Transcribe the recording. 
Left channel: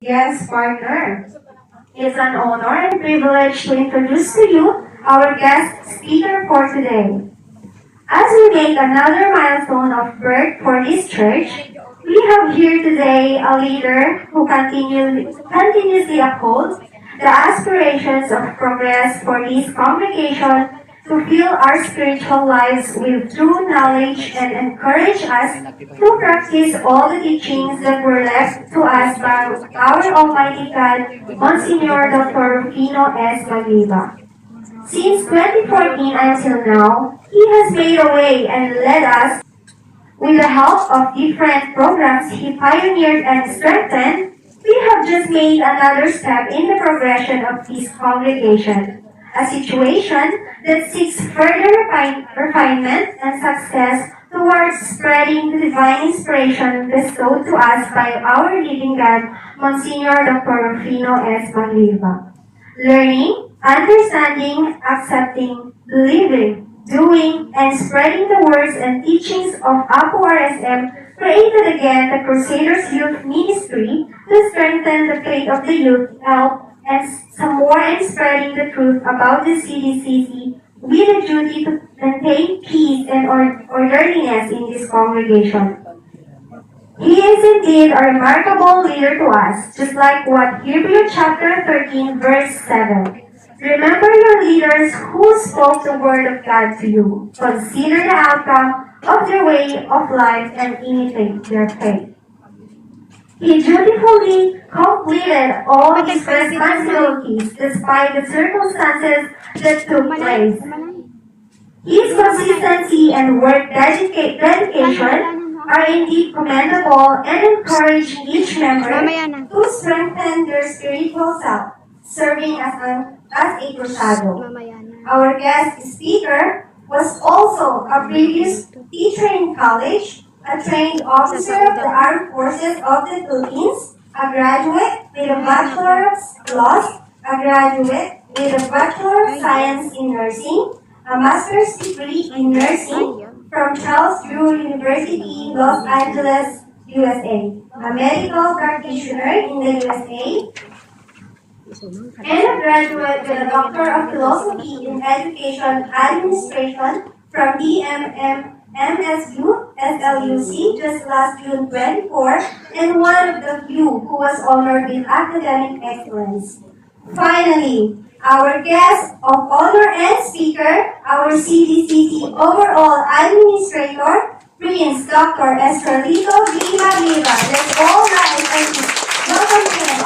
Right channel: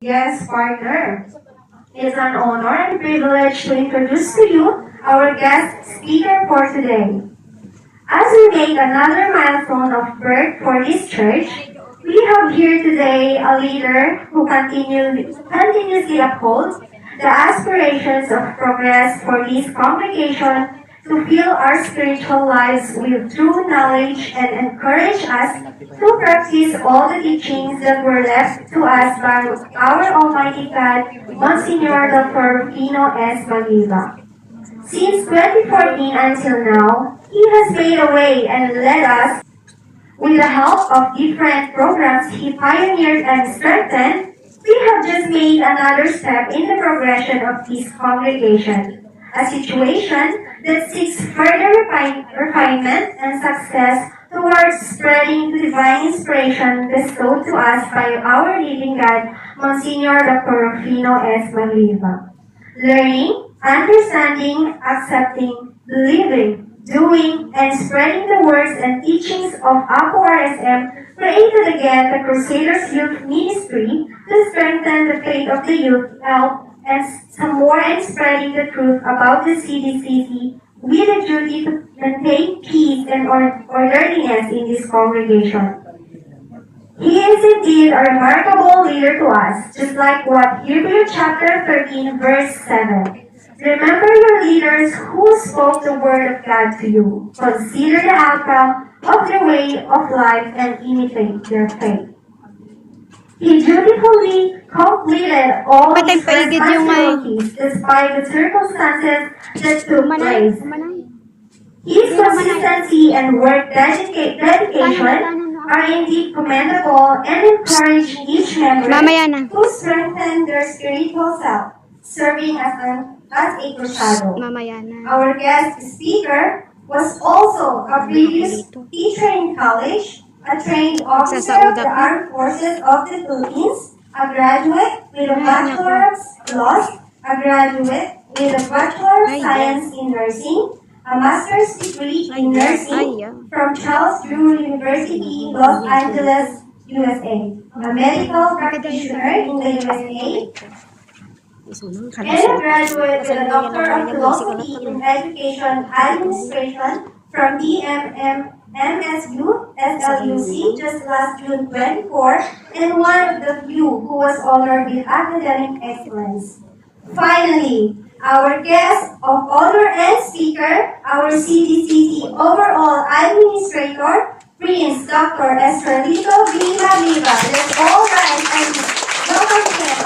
Yes, partner. It's an honor and privilege to introduce to you our guest speaker for today. As we make another milestone of birth for this church, we have here today a leader who continuously upholds the aspirations of progress for this congregation to fill our spiritual lives with true knowledge and encourage us to practice all the teachings that were left to us by our Almighty God, Monsignor Dr. Rufino S. Magliva. Since 2014 until now, he has made a way and led us with the help of different programs he pioneered and strengthened. We have just made another step in the progression of this congregation, a situation that seeks further refinement and success towards spreading the divine inspiration bestowed to us by our living God, Monsignor Dr. Rufino S. Magliva. Learning, understanding, accepting, believing, doing, and spreading the words and teachings of APO RSM created again the Crusaders Youth Ministry to strengthen the faith of the youth, help, and some more in spreading the truth about the CDCC with a duty to maintain peace and orderliness in this congregation. He is indeed a remarkable leader to us, just like what Hebrews chapter 13 verse 7. Remember your leaders who spoke the word of God to you. Consider the outcome of their way of life and imitate their faith. He dutifully completed all his responsibilities despite the circumstances that took place. His consistency and work dedication are indeed commendable and encourage each member to strengthen their spiritual self, serving as a crusado. Our guest speaker was also a previous teacher in college, a trained officer of the Armed Forces of the Philippines, a graduate with a Bachelor of Laws, a graduate with a Bachelor of Science in Nursing, a master's degree in nursing from Charles Drew University, Los Angeles, USA, a medical practitioner in the USA, and a graduate with a Doctor of Philosophy in Education Administration from MSU, SLUC, just last June 24, and one of the few who was honored with academic excellence. Finally, our guest of honor and speaker, our CDCC overall administrator, Prince Dr. Estrelito V. Magliva. Let's all rise and welcome him.